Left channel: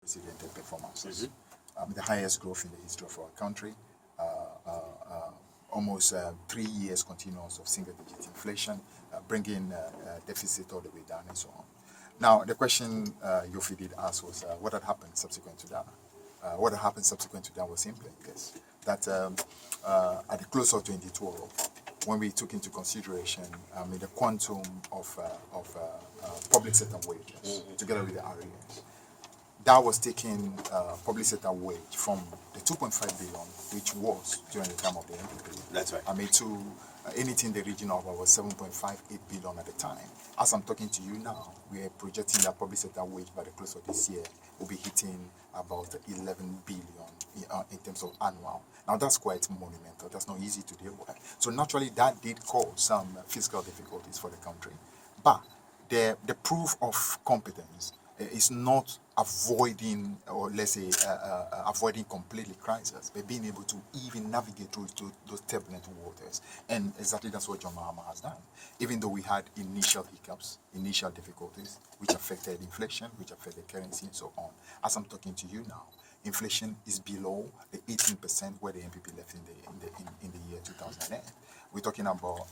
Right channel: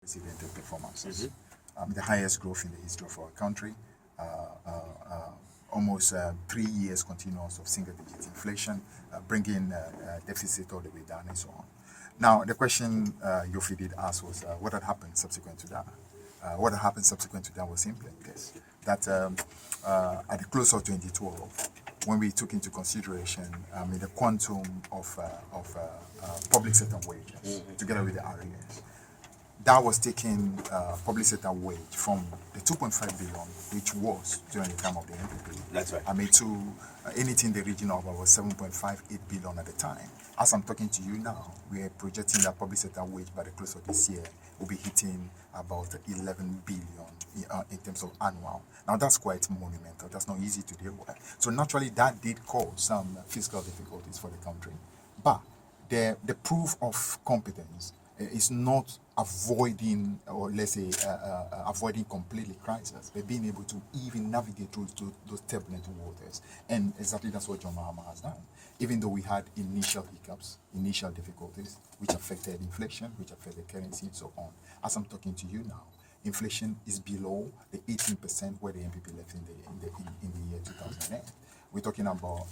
unprecedented performances. The highest growth in the history of our country, uh, uh, uh, almost 3 years continuous of single-digit inflation, bringing deficit all the way down and so on. Now, the question Yoofi did ask was what had happened subsequent to that? What had happened subsequent to that was simply this, that at the close of 2012, when we took into consideration the quantum of public sector wages together with the arrears, that was taking public sector wage from the 2.5 billion, which was during the time of the MPP. That's right. To anything in the region of about 7.58 billion at the time. As I'm talking to you now, we are projecting that public sector wage by the close of this year will be hitting about 11 billion in terms of annual. Now that's quite monumental. That's not easy to deal with. So naturally, that did cause some fiscal difficulties for the country. But the proof of competence is not avoiding, or let's say, avoiding completely crisis, but being able to even navigate through to those turbulent waters. And exactly that's what John Mahama has done. Even though we had initial hiccups, initial difficulties, which affected inflation, which affected currency, and so on. As I'm talking to you now, inflation is below the 18% where the MPP left in the year 2008. We're talking about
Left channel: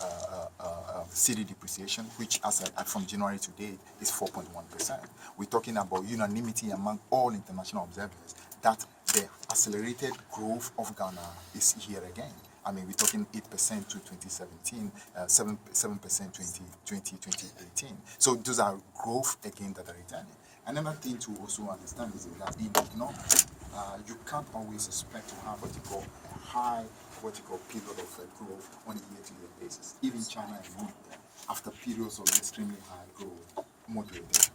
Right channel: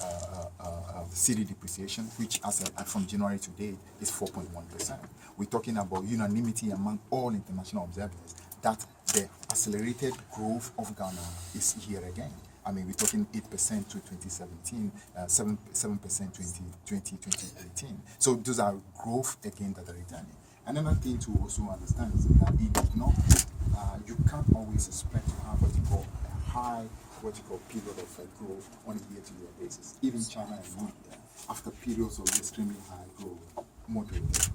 cedi depreciation, which from January to date is 4.1%. We're talking about unanimity among all international observers that the accelerated growth of Ghana is here again. We're talking 8% to 2017, 7% 2018. So those are growth again that are returning. Another thing to also understand is that in economics, you can't always expect to have what you call a high period of growth on a year-to-year basis. Even China and India, after periods of extremely high growth, moderated.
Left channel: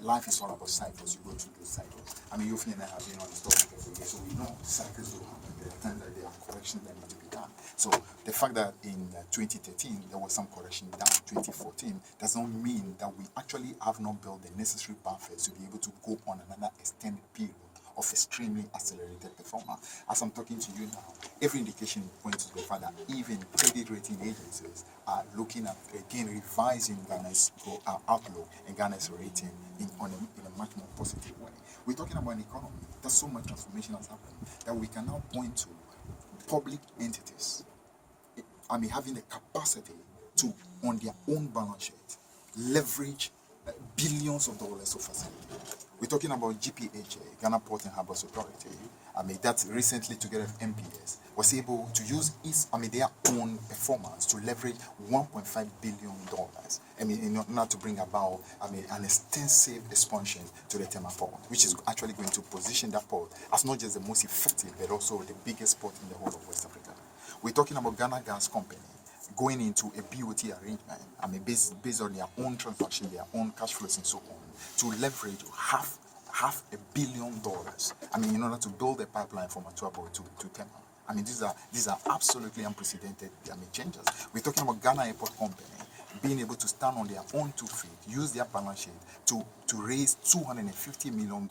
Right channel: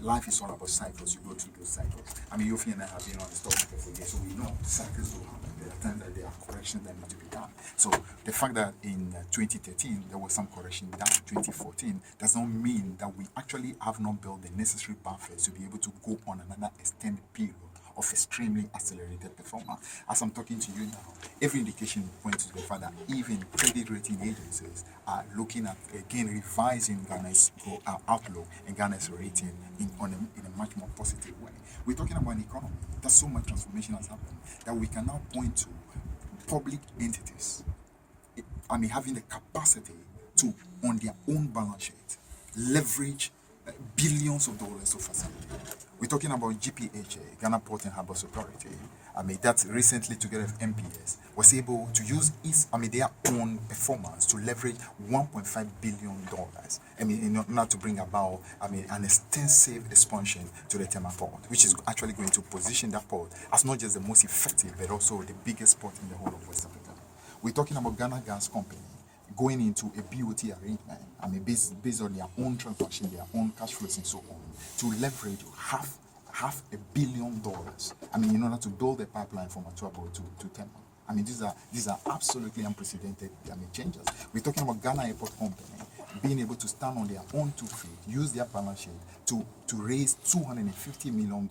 Life is all about cycles. You go through those cycles. Yoofi and I have been on the stock market for years, so we know cycles will happen. There are times that there are corrections that need to be done. So the fact that in 2013 there was some correction down, 2014, does not mean that we actually have not built the necessary buffers to be able to go on another extended period of extremely accelerated performance. As I'm talking to you now, every indication points to the fact that even credit rating agencies are looking at, again, revising Ghana's outlook and Ghana's rating in a much more positive way. We're talking about an economy that so much transformation has happened that we can now point to public entities having the capacity to, on their own balance sheet, leverage billions of dollars of facility. We're talking about GPHA, Ghana Port and Harbours Authority. That recently, together with MPS, was able to use their own performance to leverage $1.5 billion. In order to bring about, an extensive expansion to the Tema port, which is actually going to position that port as not just the most effective, but also the biggest port in the whole of West Africa. We're talking about Ghana Gas Company going into a BOT arrangement, based on their own transaction, their own cash flows and so on, to leverage half $1 billion, in order to build a pipeline from Atuabo to Tema. These are absolutely unprecedented changes. We're talking about Ghana Airport Company being able to stand on their own 2 feet, use their balance sheet to raise $250 million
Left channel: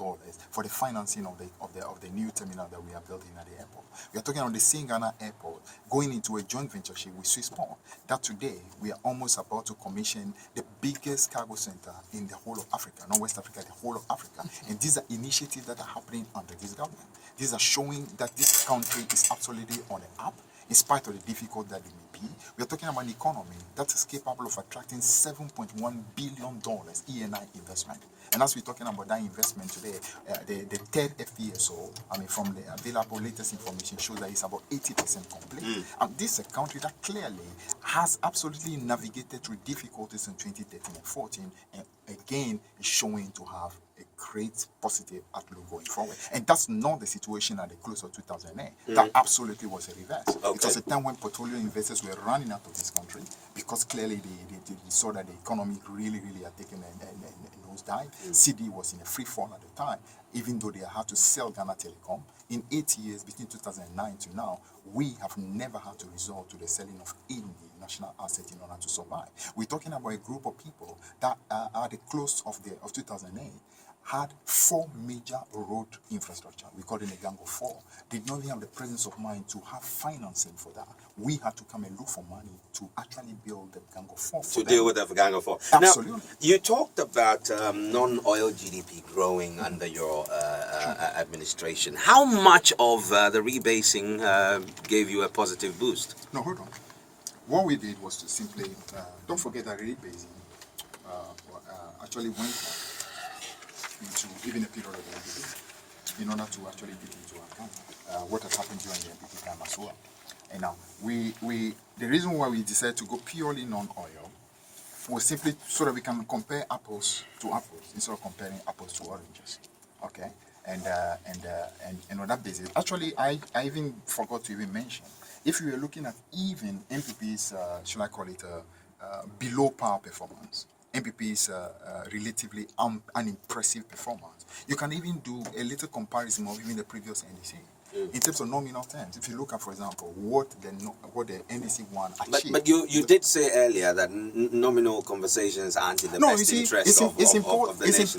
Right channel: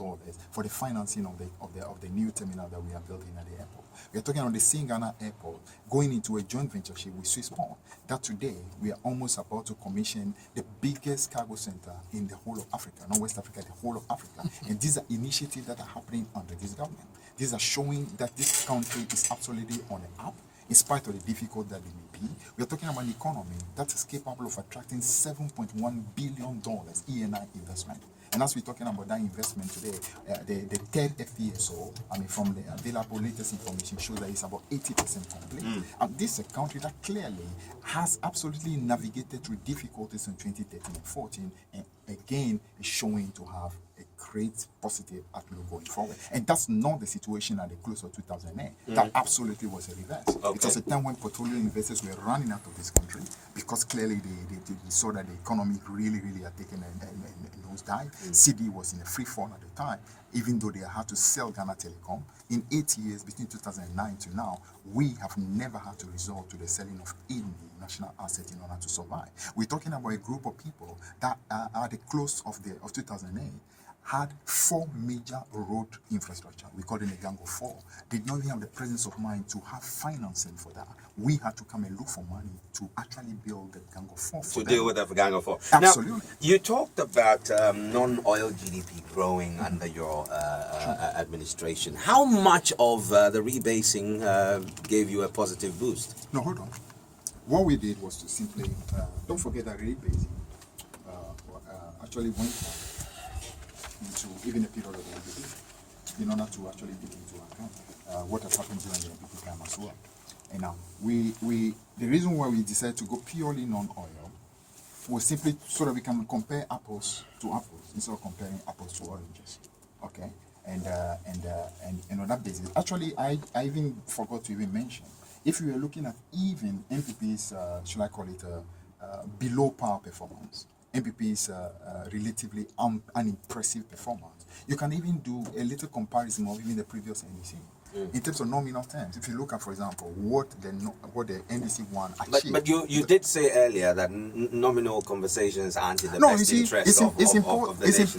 for the financing of the new terminal that we are building at the airport. We are talking about the same Ghana Airport going into a joint ventureship with Swissport. That today we are almost about to commission the biggest cargo center in the whole of Africa, not West Africa, the whole of Africa. And these are initiatives that are happening under this government. These are showing that this country is absolutely on the up, in spite of the difficult that it may be. We are talking about an economy that is capable of attracting $7.1 billion E&I investment. And as we're talking about that investment today, the third FPSO, from the available latest information, shows that it's about 80% complete. This is a country that clearly has absolutely navigated through difficulties in 2013 and 14, and again is showing to have a great positive outlook going forward. And that's not the situation at the close of 2008. That absolutely was a reverse. Okay. It was a time when petroleum investors were running out of this country because clearly they saw that the economy really had taken a nosedive. cedi was in a free fall at the time, even though they had to sell Ghana Telecom. In 8 years, between 2009 to now, we have never had to resort to the selling of any national asset in order to survive. We're talking about a group of people that at the close of 2008 had 4 major road infrastructure. We call it a gang of 4. Did not even have the presence of mind to have financing for that. We had to come and look for money to actually build the gang of 4 for to deal with the gang of 4. Absolutely. Now, you talked about non-oil GDP growing under your administration. How much of the rebasing gave you a positive boost? No, hold on. What we did was to simply, don't forget that rebasing actually went into even a period of the MPP in order to actually take into account what has happened during the MPP time as well. And now, the reason why we decided to go purely non-oil was simply so that we can compare apples to apples instead of comparing apples to oranges. Okay? And on that basis, actually, I even forgot to even mention, if you were looking at even MPP's, should I call it, below par performance, MPP's relatively unimpressive performance, you can even do a little comparison of even the previous NDC. In terms of nominal terms, if you look at, for example, what the NDC one achieved. But you did say earlier that nominal conversations aren't in the best interest of the nation.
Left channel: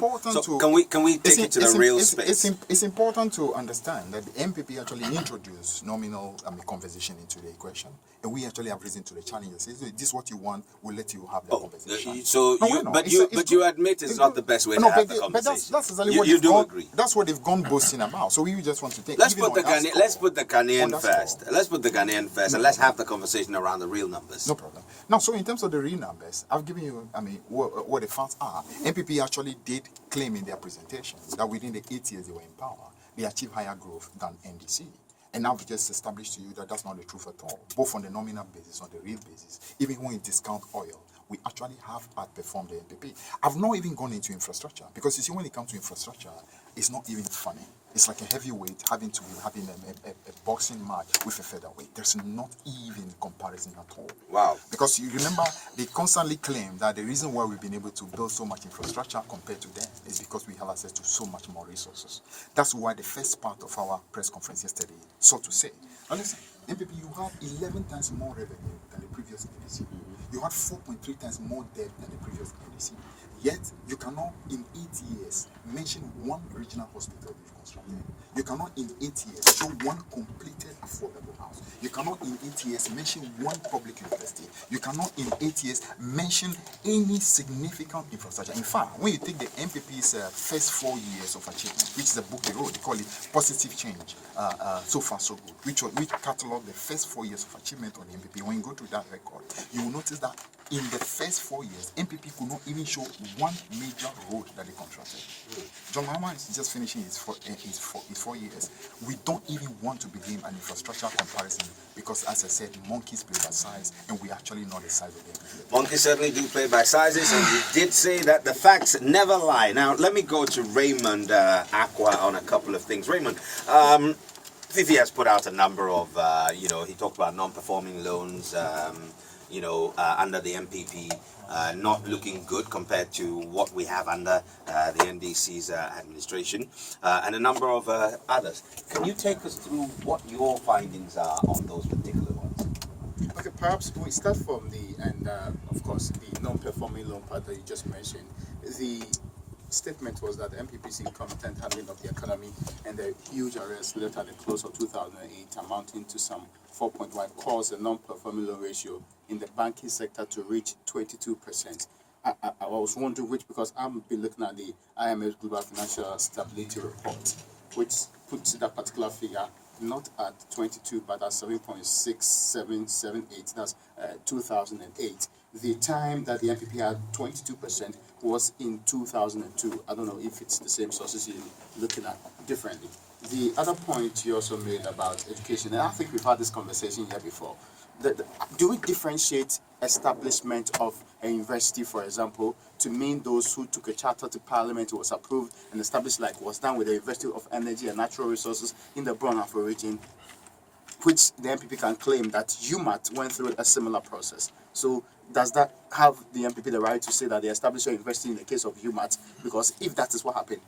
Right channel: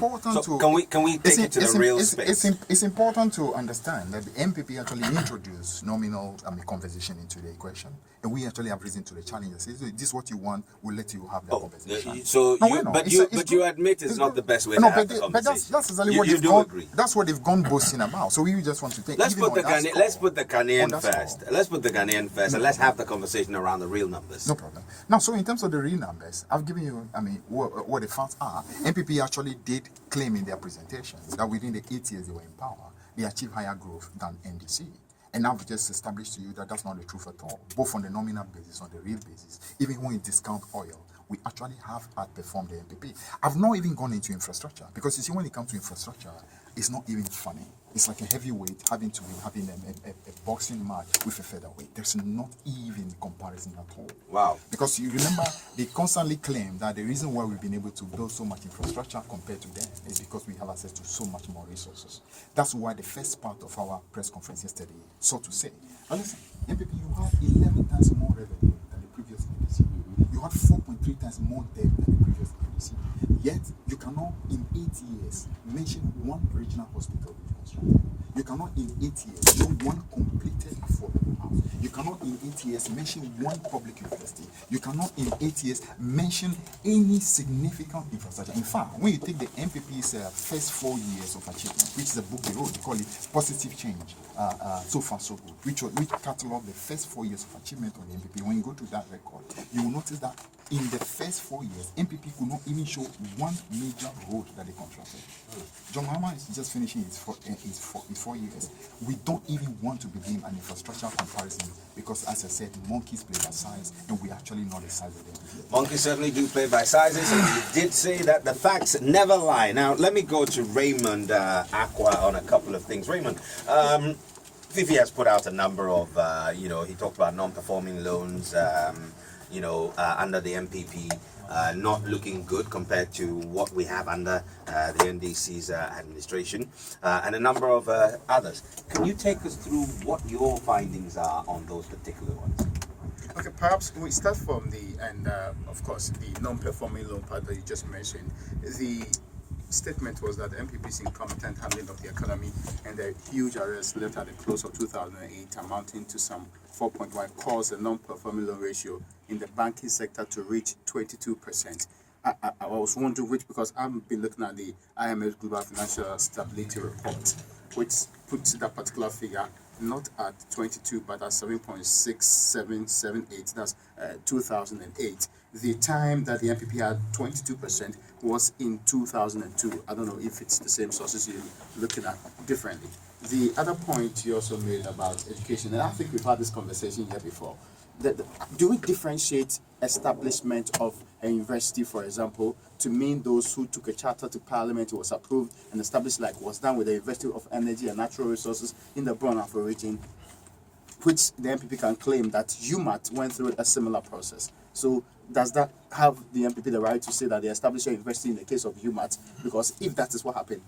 Important so to... Can we take it to the real space? It's important to understand that the MPP actually introduced nominal conversation into the equation. And we actually have reason to the challenge. Say, this is what you want, we'll let you have that conversation. But you admit it's not the best way to have the conversation. But that's exactly what agree. That's what they've gone boasting about. So we just want to take... Let's put the Ghanaian first. Let's put the Ghanaian first, and let's have the conversation around the real numbers. No problem. Now, so in terms of the real numbers, I've given you, what the facts are. MPP actually did claim in their presentation that within the 8 years they were in power, they achieved higher growth than NDC. And I've just established to you that that's not the truth at all, both on the nominal basis, on the real basis. Even when you discount oil, we actually have outperformed the MPP. I've not even gone into infrastructure, because you see, when it comes to infrastructure, it's not even funny. It's like a heavyweight having a boxing match with a featherweight. There's not even comparison at all. Wow. Because you remember, they constantly claim that the reason why we've been able to build so much infrastructure compared to them is because we have access to so much more resources. That's why the first part of our press conference yesterday sought to say, now listen, MPP, you have 11 times more revenue than the previous NDC. You had 4.3 times more debt than the previous NDC. Yet, you cannot in 8 years mention one regional hospital you've constructed. You cannot in 8 years show one completed affordable house. You cannot in 8 years mention one public university. You cannot in 8 years mention any significant infrastructure. In fact, when you take the MPP's first 4 years of achievement, which is a book they wrote, they call it Positive Change, so far so good, which catalog the first 4 years of achievement on the MPP. When you go to that record, you will notice that in the first 4 years, MPP could not even show one major road that they contracted. John Mahama is just finishing his 4 years. We don't even want to begin an infrastructure comparison because, as I said, monkeys play by size, and we're actually not the size of them. Monkeys certainly do play by sizes, and you did say that the facts never lie. Now, let me go to Raymond Aqua on a couple of things. Raymond, Fiifi has put out a number of, he talked about non-performing loans, under the MPP, not looking good compared to what we have under the NDC's administration, and a number of others. Can you take us through what your findings are on those particular ones? Okay, perhaps we start from of course, the non-performing loan part that you just mentioned. The statement was that the MPP's incompetent handling of the economy and the huge arrests left at the close of 2008 amounting to some 4.1 caused the non-performing loan ratio in the banking sector to reach 22%. I was wondering which, because I've been looking at the IMF Global Financial Stability Report, which puts that particular figure not at 22 but at 7.6778. That's 2008. The time that the MPP had 22% was in 2002. I don't know if it's the same sources you're looking at differently. The other point you also made about education, and I think we've had this conversation here before, do we differentiate establishment of a university, for example, to mean those who took a charter to parliament, was approved and established, like was done with the University of Energy and Natural Resources in the Brunafo region, which the MPP can claim that UMAT went through a similar process. So does that have the MPP the right to say that they established a university in the case of UMAT? Because if that is what happened,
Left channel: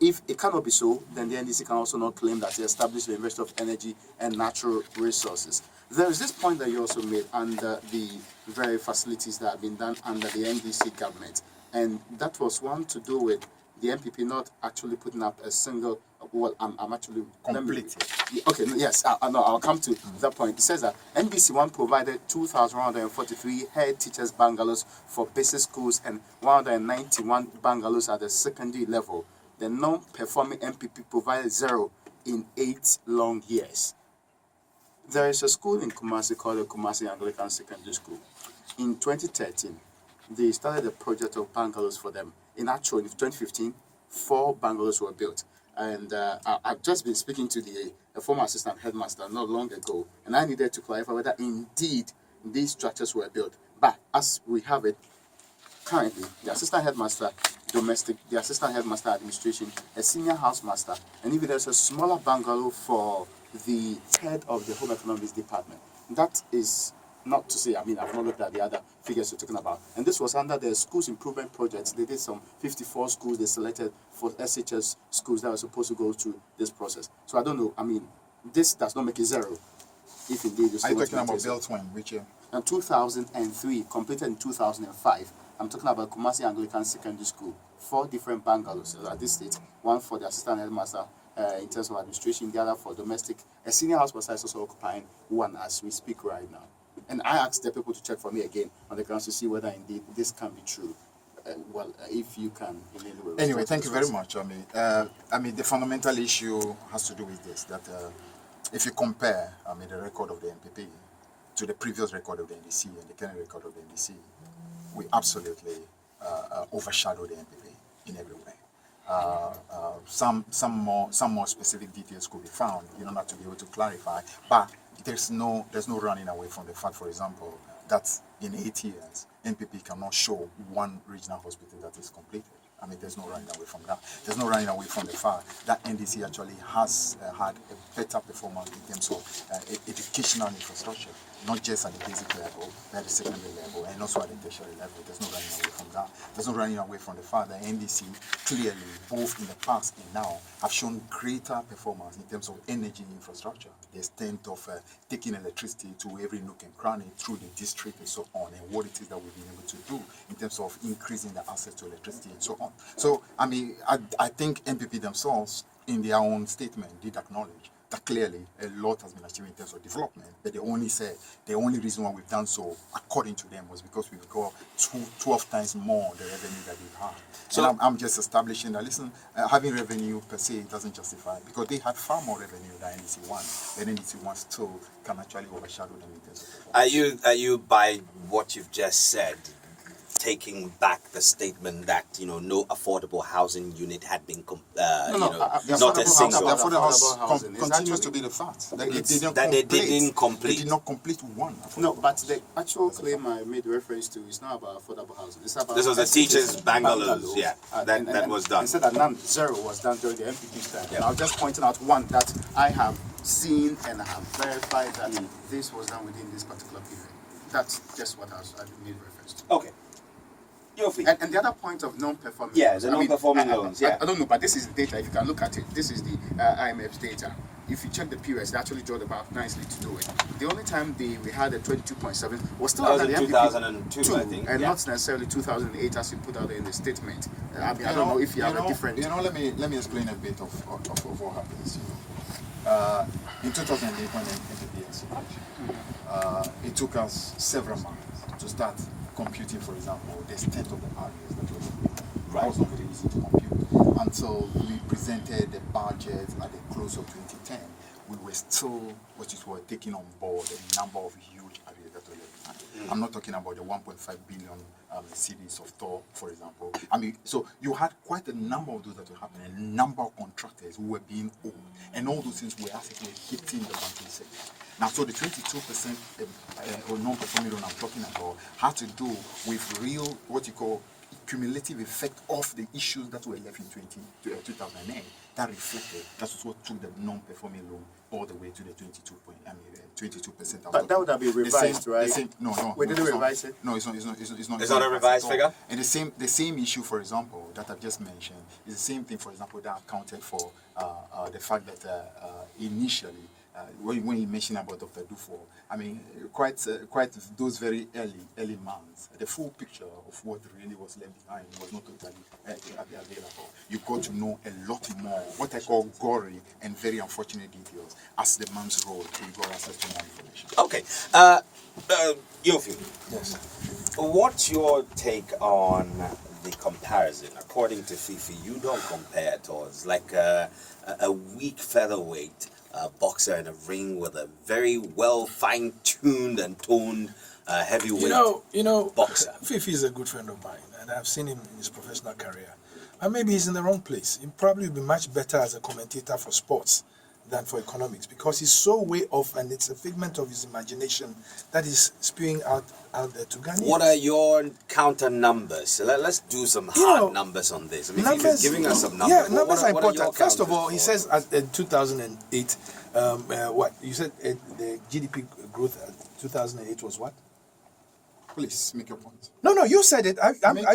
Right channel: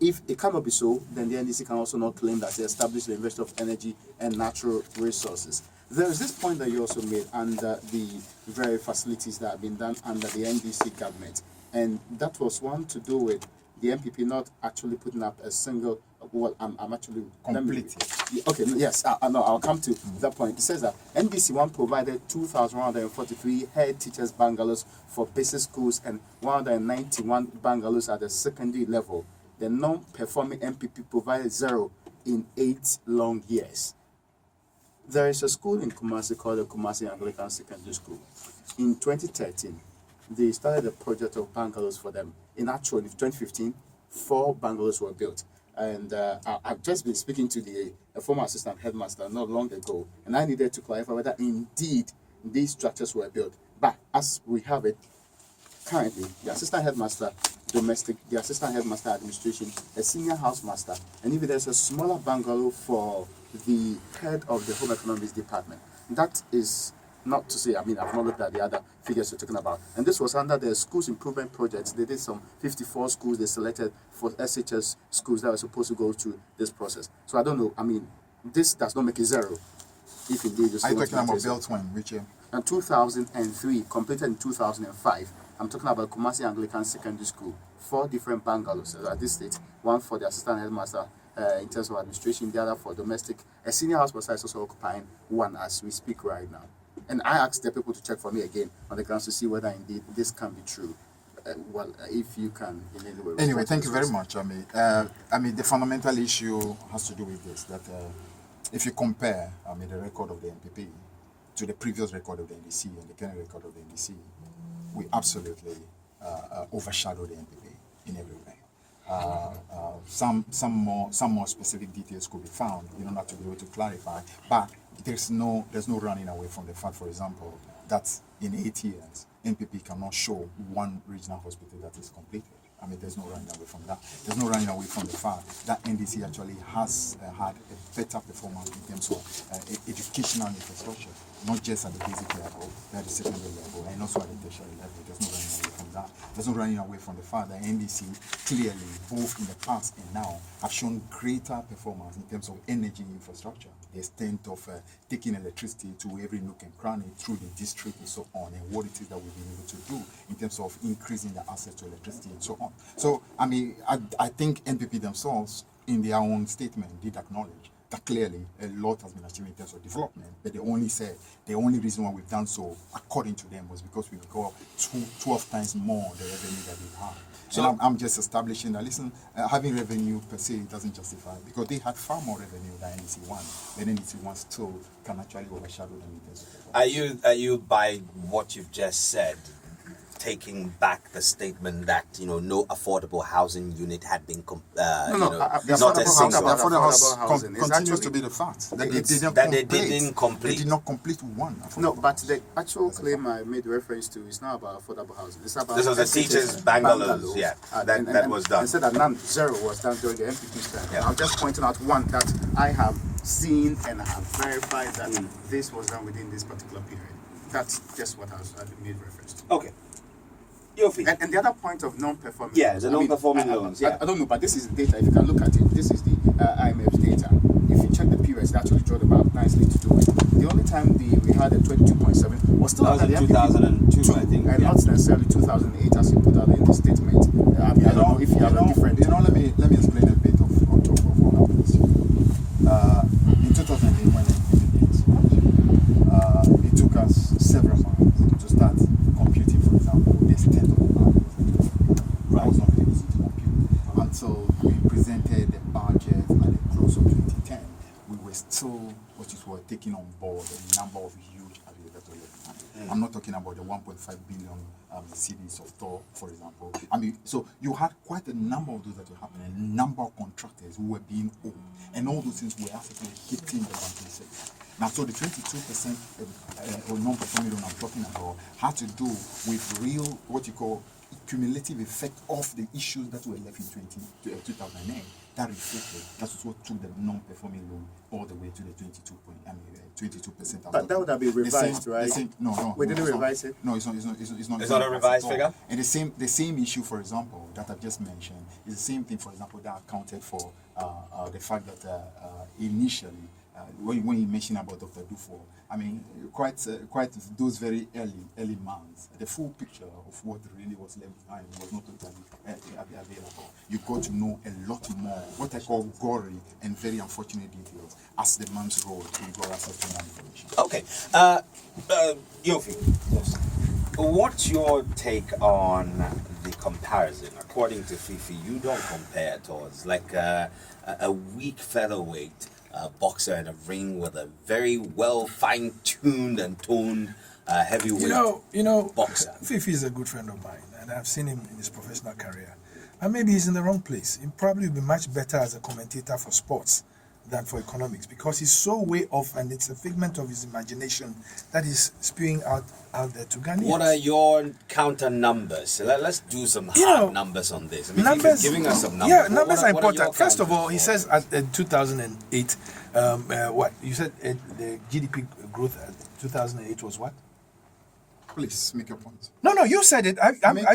if it cannot be so, then the NDC can also not claim that they established the University of Energy and Natural Resources. There is this point that you also made under the very facilities that have been done under the NDC government, and that was one to do with the MPP not actually putting up a single. Well, I'm actually Complete. Okay, no, yes, no, I'll come to that point. It says that NBC1 provided 2,143 head teachers bungalows for basic schools and 191 bungalows at the secondary level. The non-performing MPP provided 0 in 8 long years. There is a school in Kumasi called the Kumasi Anglican Secondary School. In 2013, they started a project of bungalows for them. In 2015, 4 bungalows were built. And I've just been speaking to the former assistant headmaster not long ago, and I needed to clarify whether indeed these structures were built. But as we have it currently, the assistant headmaster domestic, the assistant headmaster administration, a senior housemaster, and even there's a smaller bungalow for the head of the home economics department. That is not to say, I mean, I've not looked at the other figures you're talking about. And this was under the schools improvement projects. They did some 54 schools they selected for SHS schools that were supposed to go through this process. So I don't know, I mean, this does not make it 0. If indeed Are you talking about built when? Which year? In 2003, completed in 2005. I'm talking about Kumasi Anglican Secondary School. 4 different bungalows at this stage. One for the assistant headmaster in terms of administration, the other for domestic. A senior housemaster is also occupying one as we speak right now. And I asked the people to check for me again on the grounds to see whether indeed this can be true. If you can in any way. Anyway, thank you very much. I mean, the fundamental issue has to do with this, that if you compare, the record of the MPP to the previous record of the NDC and the current record of the NDC, we absolutely overshadow the MPP in every way. Some more specific details could be found, not to be able to clarify, but there's no running away from the fact, for example, that in 8 years, NPP cannot show one regional hospital that is completed. I mean, there's no running away from that. There's no running away from the fact that NDC actually has had a better performance in terms of educational infrastructure, not just at the basic level, but at the secondary level, and also at the tertiary level. There's no running away from that. There's no running away from the fact that NDC clearly, both in the past and now, have shown greater performance in terms of energy infrastructure, the extent of taking electricity to every nook and cranny through the district and so on, and what it is that we've been able to do in terms of increasing the access to electricity and so on. So, I mean, I think NPP themselves, in their own statement, did acknowledge that clearly a lot has been achieved in terms of development, but they only said the only reason why we've done so, according to them, was because we've got 12 times more the revenue that they've had. So and I'm just establishing that, listen, having revenue per se doesn't justify, because they had far more revenue than NDC1, but NDC1 still can actually overshadow them in terms of performance. Are you by what you've just said, taking back the statement that no affordable housing unit had been not a single. The affordable housing continues to be the fact that they didn't complete. They did not complete one. No, but the actual claim I made reference to is not about affordable housing. It's about this was the teachers' bungalows. Yeah, that was done. And said that none, 0 was done during the MPP's time. Yeah. I'm just pointing out one that I have seen and I have verified that this was done within this particular period. That's just what I made reference to. Okay. Yoofi. And the other point of non-performing the non-performing loans. I don't know, but this is data. If you can look at it, this is the IMF's data. If you check the periods, they actually draw the map nicely to do it. The only time we had a 22.7 was still under the 2002, I think, and not necessarily 2008 as you put out in the statement. I don't know if you have a different. Let me explain a bit of what happens. In 2008, when it took us several months to start computing, for example, the extent of the barriers that was not very easy to compute. Until we presented the budget at the close of 2010, we were still, taking on board a number of huge areas that were left. I'm not talking about the 1.5 billion cities of Thor, for example. I mean, so you had quite a number of those that were happening, a number of contractors who were being owed, and all those things were actually hitting the banking sector. Now, so the 22% or non-performing loan I'm talking about had to do with real, what you call, cumulative effect of the issues that were left in 2008. That reflected, that's what took the non-performing loan all the way to the 22%. But that would have been revised, right? No. We didn't revise it? No, it's not. It's not a revised figure? And the same issue, for example, that I've just mentioned, is the same thing, for example, that accounted for the fact that initially when you mention about Dr. Dufo, I mean, quite those very early months, the full picture of what really was left behind was not totally available. You got to know a lot more, what I call gory and very unfortunate details, as the months rolled, you got access to more information. Okay. Yoofi, yes. What's your take on the comparison? According to Fiifi, you don't compare at all. It's like a weak featherweight boxer in a ring with a very well fine-tuned and toned heavyweight boxer. Fiifi is a good friend of mine, and I've seen him in his professional career. And maybe he's in the wrong place. He probably would be much better as a commentator for sports than for economics, because he's so way off, and it's a figment of his imagination that is spewing out there to Ghanaians. What are your counter numbers? Let's do some hard numbers on this. I mean, numbers, giving us some numbers. Yeah, numbers are important. First of all, he says in 2008, what you said, the GDP growth at 2008 was what? Please make your point. No, you said it.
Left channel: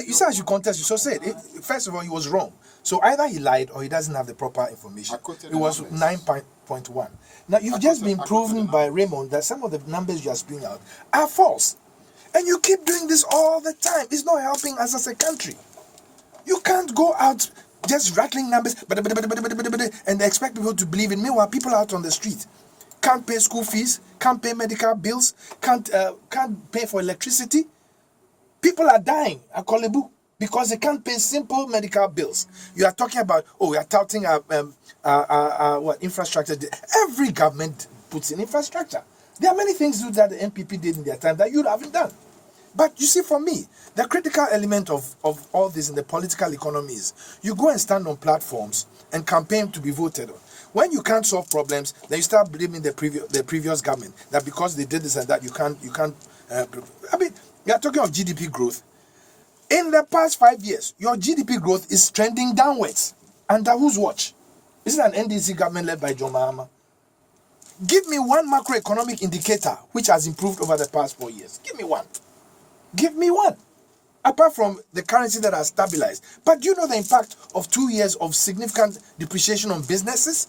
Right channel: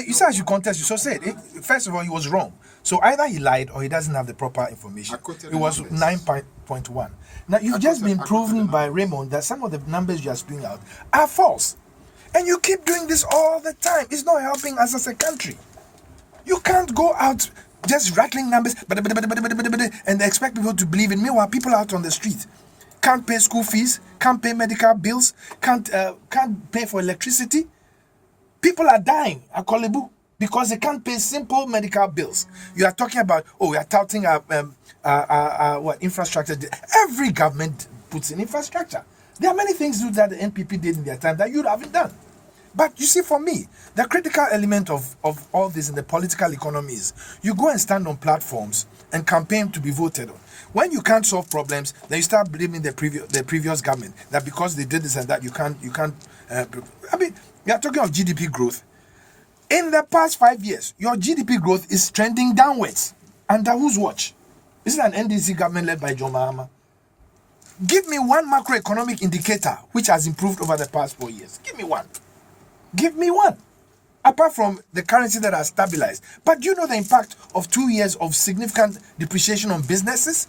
You said I should contest you, so say it. First of all, he was wrong. So either he lied or he doesn't have the proper information. It was 9.1. Now, you've just been proven by Raymond that some of the numbers you are spewing out are false. And you keep doing this all the time. It's not helping us as a country. You can't go out just rattling numbers and expect people to believe in. Meanwhile, people out on the street can't pay school fees, can't pay medical bills, can't pay for electricity. People are dying at Kolebu because they can't pay simple medical bills. You are talking about, we are touting our infrastructure. Every government puts in infrastructure. There are many things that the NPP did in their time that you haven't done. But you see, for me, the critical element of all this in the political economy is you go and stand on platforms and campaign to be voted on. When you can't solve problems, then you start blaming the previous government that because they did this and that, you can't. I mean, we are talking of GDP growth. In the past 5 years, your GDP growth is trending downwards. Under whose watch? Is it an NDC government led by John Mahama? Give me one macroeconomic indicator which has improved over the past 4 years. Give me one. Give me one. Apart from the currency that has stabilized. But do you know the impact of 2 years of significant depreciation on businesses?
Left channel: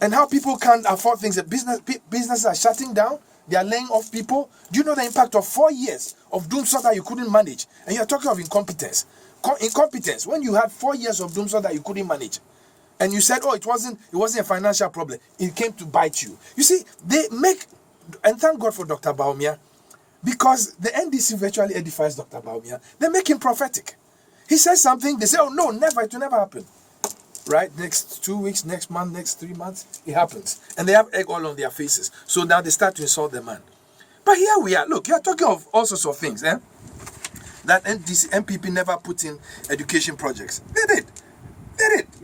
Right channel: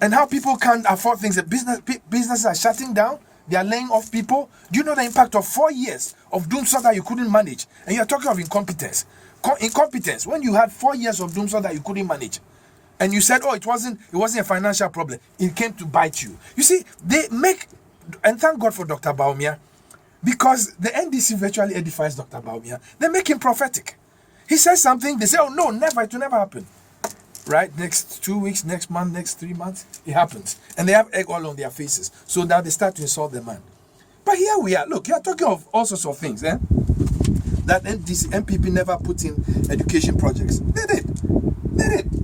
And how people can't afford things. Businesses are shutting down. They are laying off people. Do you know the impact of 4 years of doomsday that you couldn't manage? And you're talking of incompetence. Incompetence. When you had 4 years of doomsday that you couldn't manage. And you said, it wasn't a financial problem. It came to bite you. You see, they make, and thank God for Dr. Baumia, because the NDC virtually edifies Dr. Baumia. They make him prophetic. He says something, they say, no, never, it will never happen. Right? Next 2 weeks, next month, next 3 months, it happens. And they have egg all on their faces. So now they start to insult the man. But here we are. Look, you're talking of all sorts of things, that NDC, MPP never put in education projects. They did.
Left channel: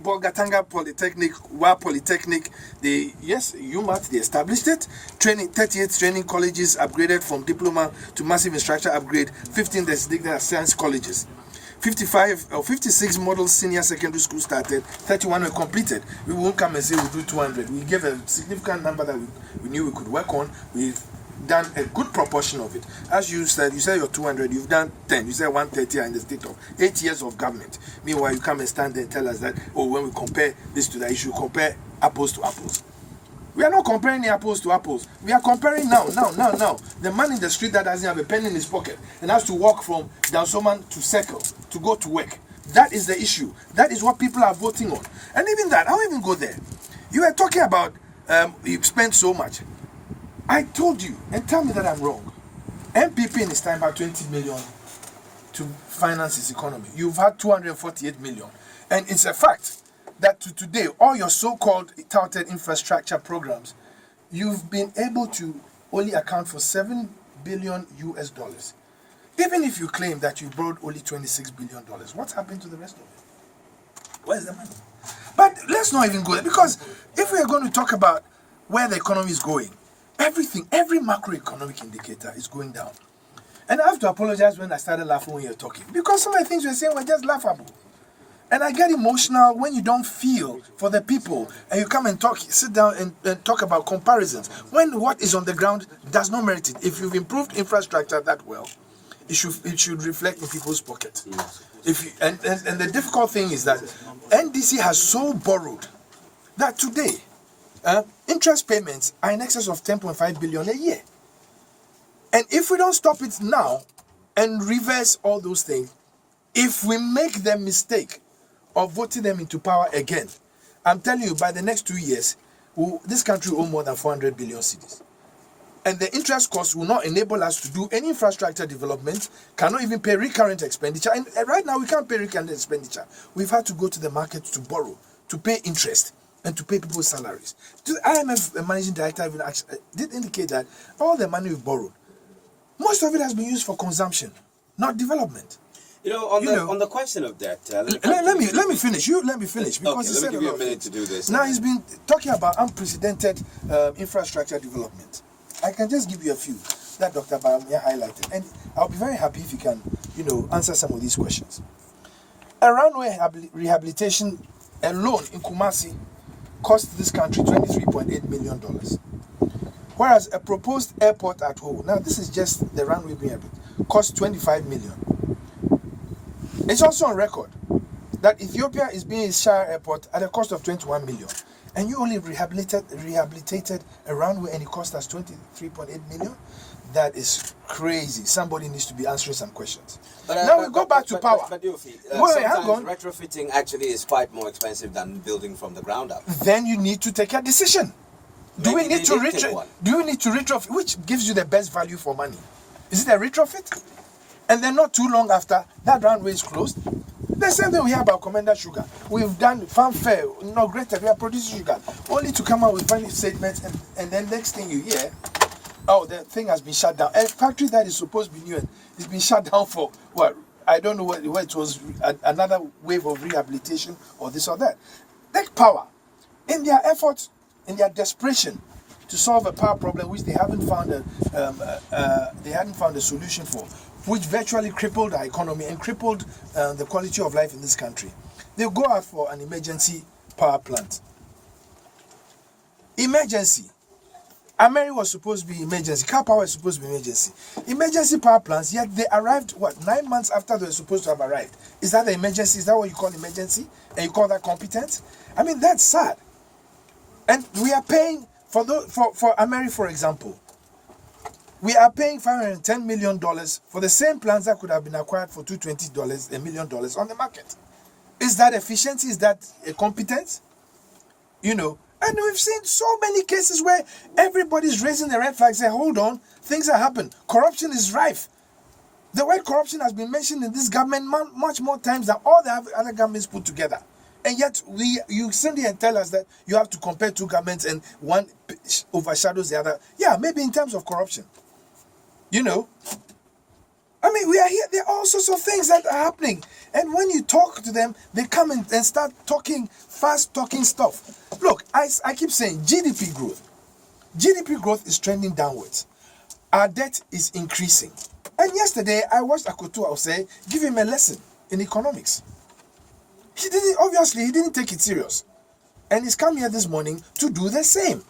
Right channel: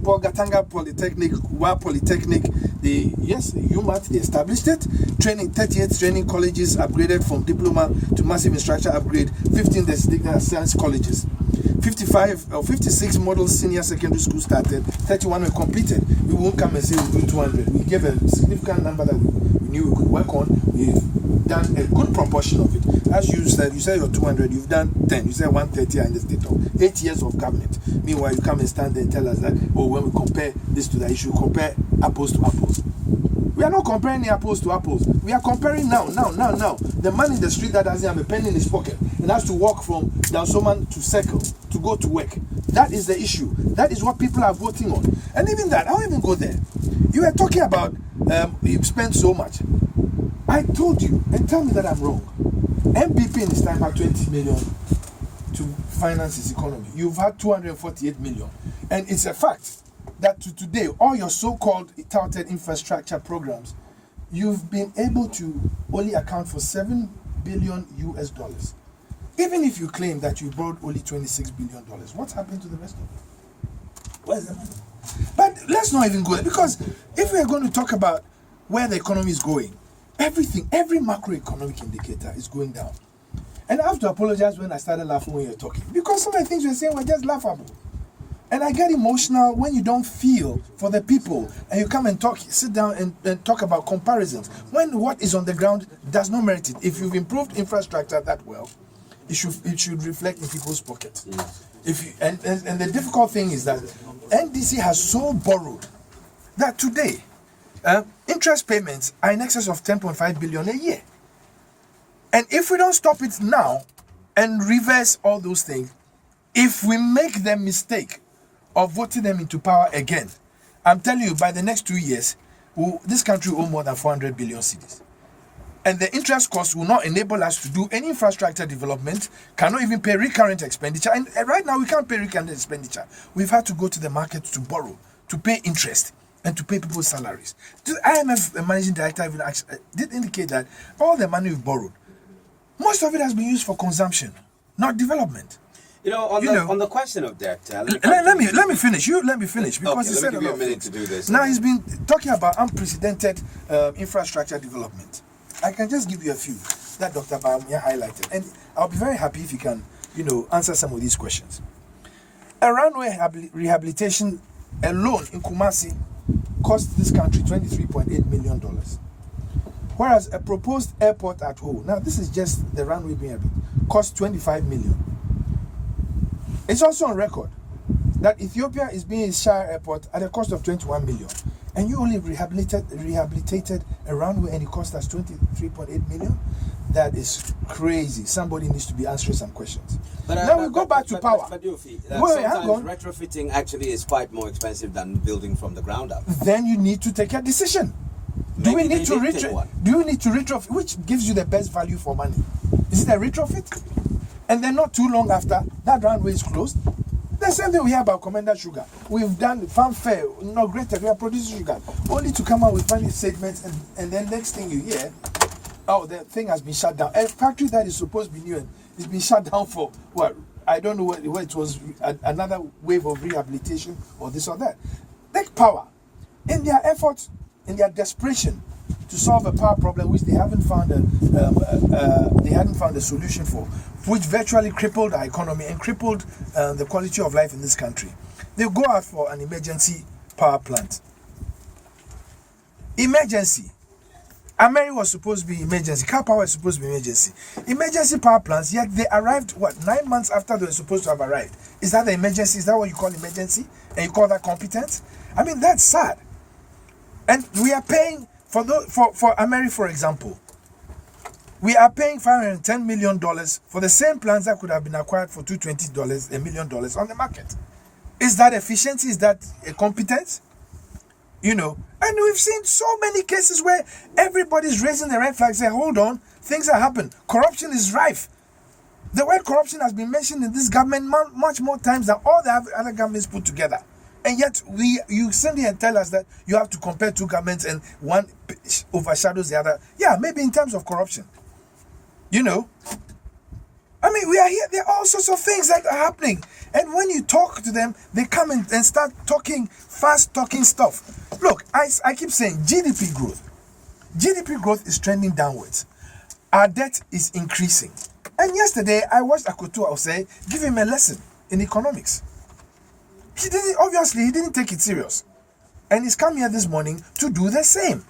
Paul Gatanga Polytechnic, Wa Polytechnic, UMAT, they established it. 38 training colleges upgraded from diploma to massive instructor upgrade. 15 designated science colleges. 56 model senior secondary school started. 31 were completed. We won't come and say we'll do 200. We gave a significant number that we knew we could work on. We've done a good proportion of it. As you said you're 200, you've done 10. You said 130 in the state of 8 years of government. Meanwhile, you come and stand there and tell us that, when we compare this to that, you should compare apples to apples. We are not comparing apples to apples. We are comparing now. The man in the street that doesn't have a pen in his pocket and has to walk from Dansoman to Circle to go to work. That is the issue. That is what people are voting on. And even that, I won't even go there. You were talking about you spent so much. I told you, and tell me that I'm wrong. MPP in his time had 20 million to finance his economy. You've had 248 million. And it's a fact that to today, all your so-called touted infrastructure programs, you've been able to only account for $7 billion US. Even if you claim that you borrowed only $26 billion, what's happened to the rest of it? Where's the money? But let's not even go there, because if we are going to talk about where the economy is going, every macroeconomic indicator is going down. And I have to apologize when I started laughing when you're talking, because some of the things you're saying were just laughable. And I get emotional when you don't feel for the people and you come and sit down and talk about comparisons when what is on the ground does not merit it. If you've improved infrastructure that well, it should reflect in people's pockets. And the difficult thing is that NDC has so borrowed that today, interest payments are in excess of 10.5 billion a year. And if we don't stop it now and reverse all those things, if we make the mistake of voting them into power again, I'm telling you, by the next 2 years, this country will owe more than 400 billion cedis. And the interest costs will not enable us to do any infrastructure development, cannot even pay recurrent expenditure. And right now, we can't pay recurrent expenditure. We've had to go to the market to borrow, to pay interest, and to pay people's salaries. The IMF managing director even did indicate that all the money we've borrowed, most of it has been used for consumption, not development. On the question of debt, let me finish. Let me finish because he said a lot of things. To do this. Now he's been talking about unprecedented infrastructure development. I can just give you a few that Dr. Bawumia highlighted, and I'll be very happy if you can, answer some of these questions. A runway rehabilitation alone in Kumasi cost this country $23.8 million. Whereas a proposed airport at Ho, now this is just the runway being built, cost 25 million. It's also on record that Ethiopia is being a Shire airport at a cost of 21 million. And you only rehabilitated a runway and it cost us 23.8 million? That is crazy. Somebody needs to be answering some questions. Now we go back to power. But Yoofi, Wait, hang on. retrofitting actually is quite more expensive than building from the ground up. Then you need to take a decision. Do we need to retrofit? Which gives you the best value for money? Is it a retrofit? And then not too long after, that runway is closed. The same thing we hear about Commander Sugar. We've done fanfare, inaugurated, we are producing sugar, only to come out with funny statements, and then next thing you hear, oh, the thing has been shut down. A factory that is supposed to be new and it's been shut down for, well, I don't know whether it was another wave of rehabilitation or this or that. Take power. In their effort, in their desperation to solve a power problem which they hadn't found a solution for, which virtually crippled our economy and crippled the quality of life in this country. They go out for an emergency power plant. Emergency. Ameri was supposed to be emergency. Car power is supposed to be emergency. Emergency power plants, yet they arrived, 9 months after they were supposed to have arrived. Is that the emergency? Is that what you call emergency? And you call that competence? I mean, that's sad. And we are paying, for Ameri, for example, we are paying $510 million for the same plants that could have been acquired for $220 $1 million on the market. Is that efficiency? Is that a competence? And we've seen so many cases where everybody's raising the red flag, say, hold on, things are happening. Corruption is rife. The word corruption has been mentioned in this government much more times than all the other governments put together. And yet, you sit there and tell us that you have to compare two governments and one overshadows the other. Yeah, maybe in terms of corruption. I mean, we are here. There are all sorts of things that are happening. And when you talk to them, they come in and start talking, fast-talking stuff. Look, I keep saying GDP growth. GDP growth is trending downwards. Our debt is increasing. And yesterday, I watched Akoto say, give him a lesson in economics. He didn't take it serious. And he's come here this morning to do the same.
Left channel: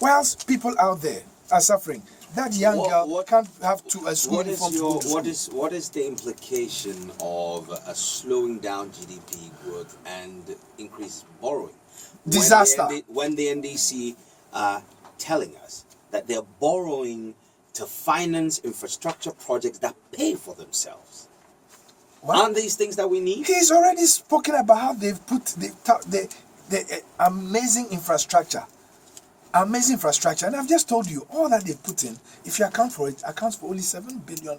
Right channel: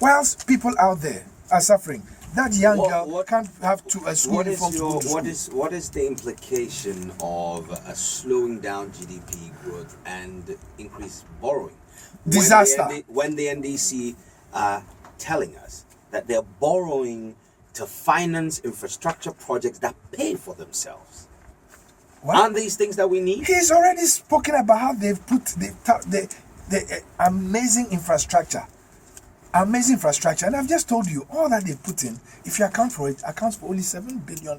Whilst people out there are suffering. That young girl can't have a school uniform to go to school. What is the implication of a slowing down GDP growth and increased borrowing? Disaster. When the NDC are telling us that they're borrowing to finance infrastructure projects that pay for themselves. What? Aren't these things that we need? He's already spoken about how they've put the amazing infrastructure. Amazing infrastructure, and I've just told you all that they've put in. If you account for it, accounts for only $7 billion.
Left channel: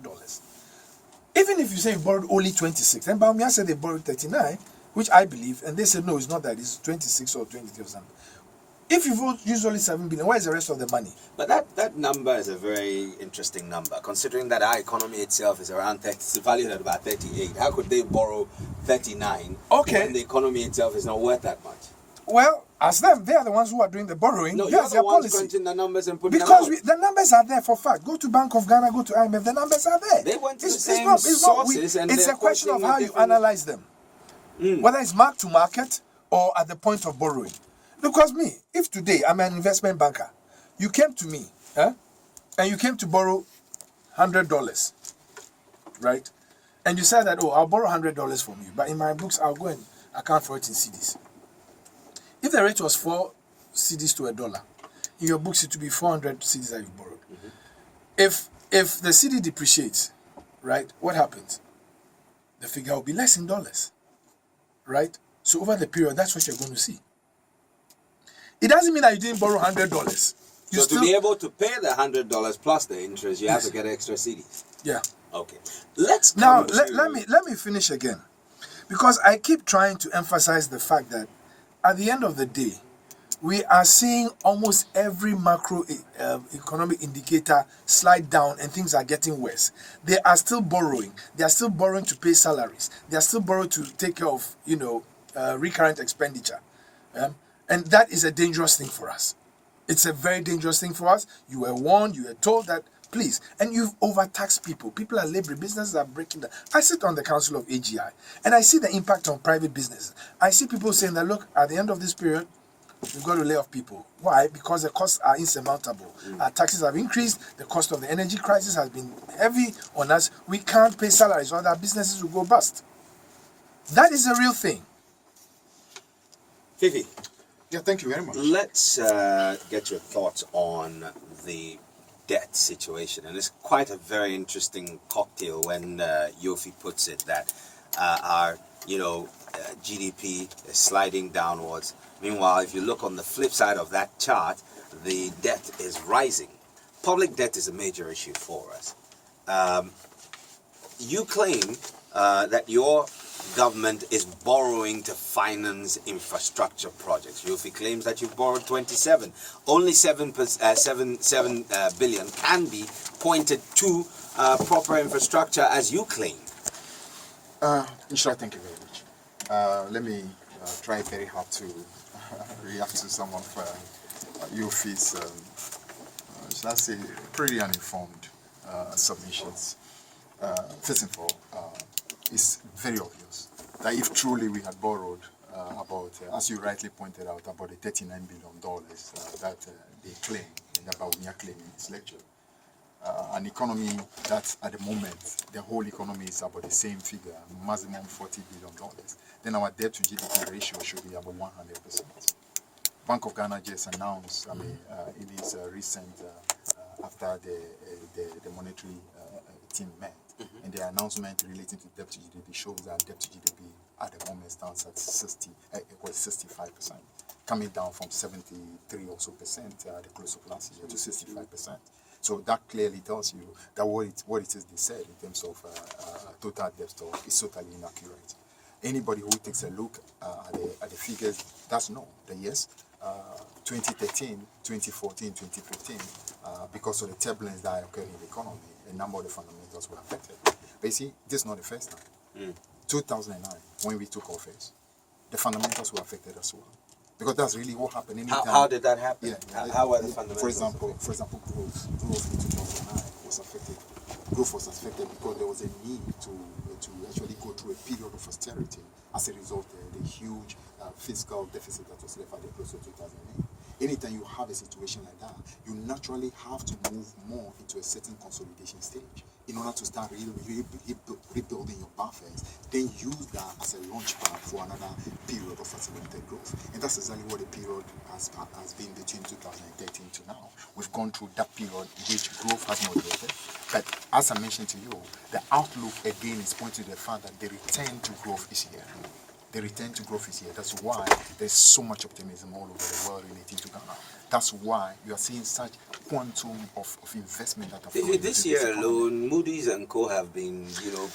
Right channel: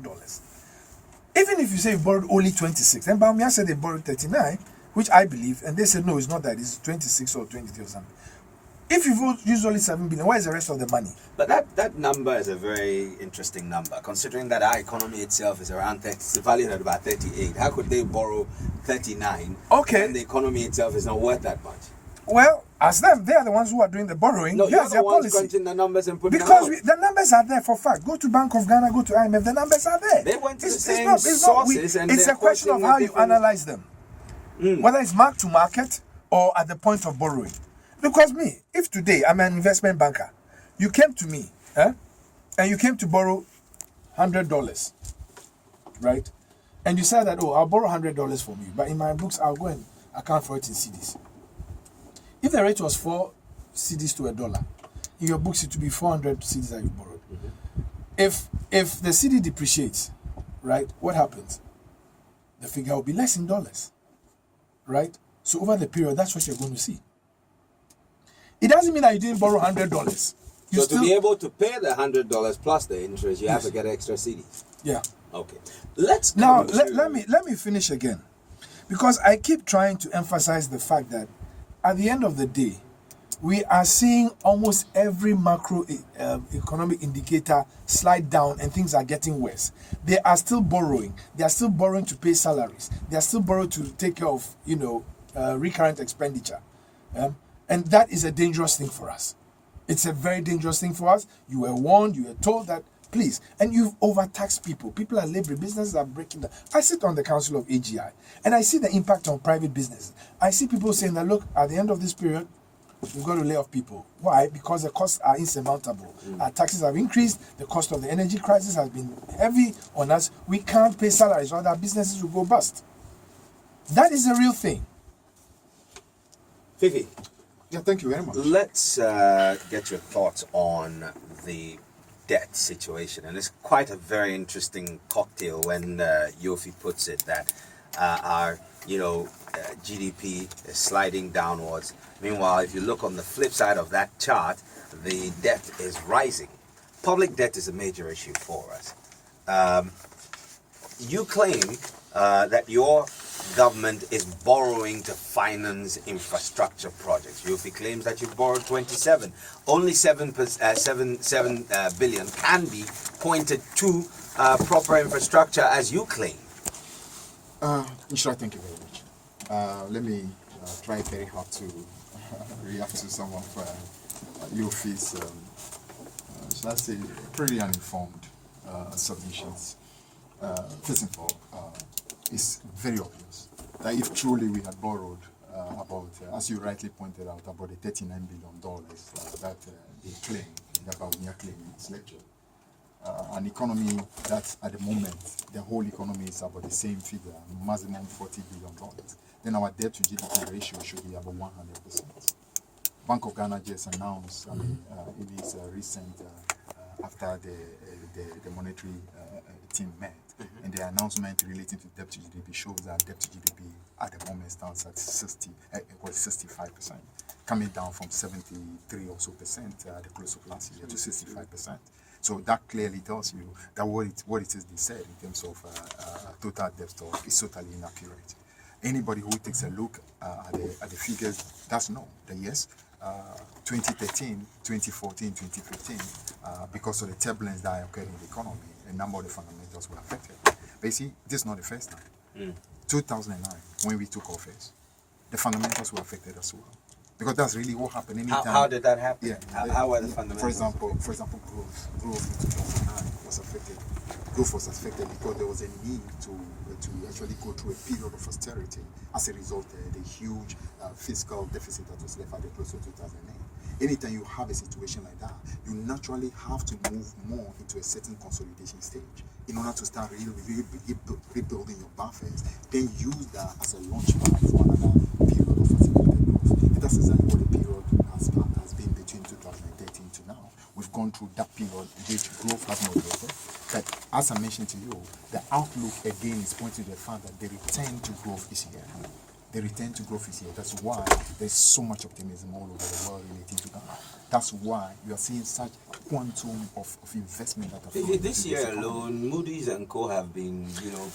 Even if you say you borrowed only 26, and Bawumia said they borrowed 39, which I believe, and they said no, it's not that, it's 26 or 23 or something. If you use only 7 billion, where is the rest of the money? But that number is a very interesting number, considering that our economy itself is around 30, it's valued at about 38. How could they borrow 39? Okay. When the economy itself is not worth that much? Well, as them, they are the ones who are doing the borrowing. No, Here's their policy. The numbers and putting because the numbers are there for fact. Go to Bank of Ghana, go to IMF. The numbers are there. They went to the same sources, and it's a question of how you analyze them, whether it's mark to market or at the point of borrowing. Because me, if today I'm an investment banker, you came to me, and you came to borrow $100, right? And you said that, I'll borrow $100 from you, but in my books I'll go and account for it in cedis. If the rate was 4 cedis to a dollar. In your books, it will be 400 cedis that you borrowed. If the cedi depreciates, right, what happens? The figure will be less in dollars, right? So over the period, that's what you're going to see. It doesn't mean that you didn't borrow $100. You So still, to be able to pay the $100 plus the interest, you have Yes. to get extra CDs. yeah. Okay. Let's Now come to- let me finish again, because I keep trying to emphasize the fact that at the end of the day, we are seeing almost every macro economic indicator slide down, and things are getting worse. They are still borrowing. They are still borrowing to pay salaries. They are still borrowing to take care of recurrent expenditure, and that is a dangerous thing for us. It's a very dangerous thing for us. You were warned. You were told that. Please, and you've overtaxed people. People are laboring. Businesses are breaking down. I sit on the council of AGI, and I see the impact on private businesses. I see people saying that, look, at the end of this period, we've got to lay off people. Why? Because the costs are insurmountable. Our taxes have increased. The cost of the energy crisis has been heavy on us. We can't pay salaries, or our businesses will go bust. That is a real thing. Fiifi, Yeah, thank you very much. let's get your thoughts on the debt situation. And it's quite a very interesting cocktail when Yoofi puts it that our GDP is sliding downwards. Meanwhile, if you look on the flip side of that chart, the debt is rising. Public debt is a major issue for us. You claim that your government is borrowing to finance infrastructure projects. Yoofi claims that you've borrowed 27. Only 7 billion can be pointed to proper infrastructure, as you claim. Inshallah, thank you very much. Let me try very hard to react to some of Yoofi's, shall I say, pretty uninformed submissions. First of all, it's very obvious that if truly we had borrowed about, as you rightly pointed out, about the $39 billion that they claim, that Bawumia claimed in his lecture, an economy that at the moment, the whole economy is about the same figure, maximum $40 billion, then our debt to GDP ratio should be about 100%. Bank of Ghana just announced, in its recent, after the monetary team met, and the announcement relating to debt to GDP shows that debt to GDP at the moment stands at 65%, coming down from 73 or so percent at the close of last year to 65%. So that clearly tells you that what it is they said in terms of total debt stock is totally inaccurate. Anybody who takes a look at the figures does know that yes, 2013, 2014, 2015, because of the turbulence that occurred in the economy, a number of the fundamentals were affected. But you see, this is not the first time. 2009, when we took office, the fundamentals were affected as well. Because that's really what happened anytime. How did that happen? Yeah. How were the fundamentals? For example, growth in 2009 was affected. Growth was affected because there was a need to actually go through a period of austerity. As a result, the huge fiscal deficit that was left at the close of 2008. Anytime you have a situation like that, you naturally have to move more into a certain consolidation stage in order to start rebuilding your buffers. Then use that as a launch pad for another period of accelerated growth. And that's exactly what the period has been between 2013 to now. We've gone through that period in which growth has moderated. But as I mentioned to you, the outlook again is pointing to the fact that the return to growth is here. The return to growth is here. That's why there's so much optimism all over the world relating to Ghana. That's why you are seeing such quantum of investment that are flowing This into year economy. alone, Moody's and Co have been,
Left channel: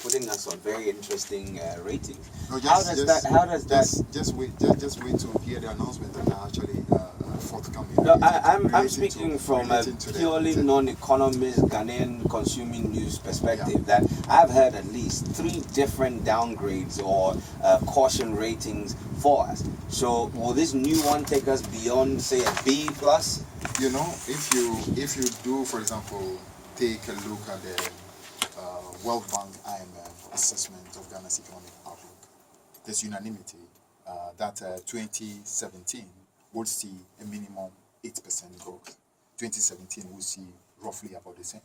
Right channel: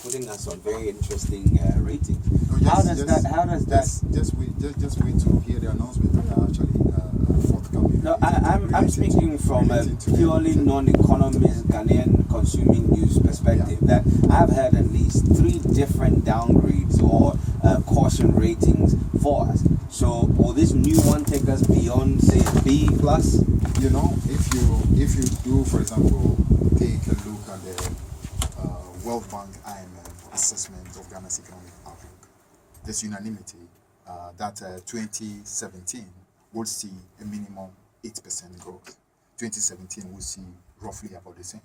putting us on very interesting ratings. No, just wait to hear the announcement that are actually forthcoming. No, I'm speaking from a purely non-economist Ghanaian consuming news perspective. That I've had at least 3 different downgrades or caution ratings for us. So will this new one take us beyond, say, a B plus? If you do, for example, take a look at the World Bank IMF assessment of Ghana's economic outlook, there's unanimity that 2017 would see a minimum 8% growth. 2017 will see roughly about the same.